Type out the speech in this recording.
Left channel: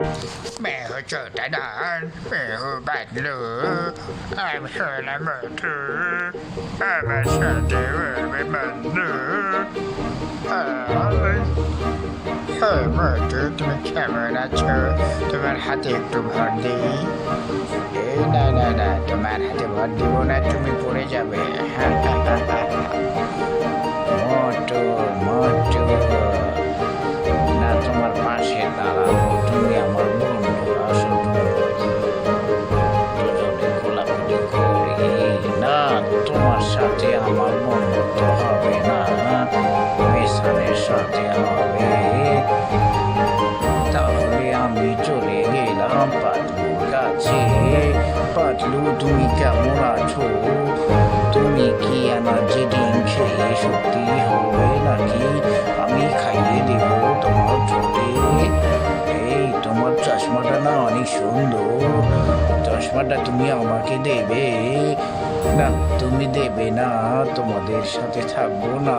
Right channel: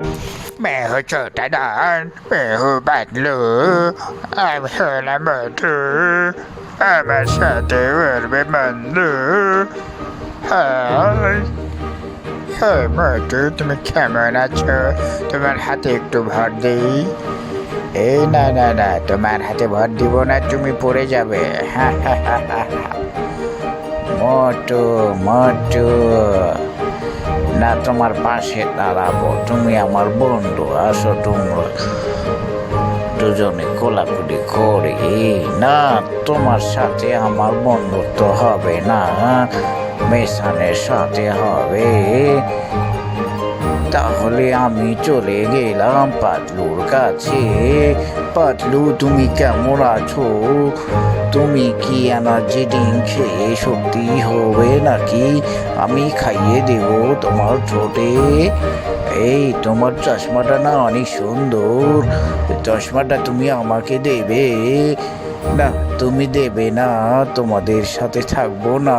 मैं हूँ छोटा डॉन, मैं हूँ बादलू, I'm Hannah Montana, আমার সাথে উড়বে বন্ধু। হাই, হ্যাঁ মটু, তুমি কেমন আছো? তোমার হাতে একটু ভর দিই। এই না না না, তোমার হাতে ভর দিব না, তুমি পড়ে যাবে। মোটু মোটু, না তোমার পাশে দাঁড়াবো, তুমি আমার বন্ধু, আসো তুমি দুজনে কোলাকুলি করি। না, তোমার সাথে আমার বন্ধুত্ব হবে না, মেশানের সাথে হবে। তাহলে আমি চলে গেলাম পাতলুর কাছে। পাতলু, তুমি কেমন আছো? তুমি কি এনার্জি ড্রিঙ্ক খেয়ে শক্তি হবে নাকি? আমি খাইয়ে দেব তোমার ঠোঁটে। এই তোমার চশমাটা না অনেক সুন্দর, চশমাটা তুমি আমাকে দেবে? না, তুমি দেবে না, তোমাদের সাথে থাকবো না।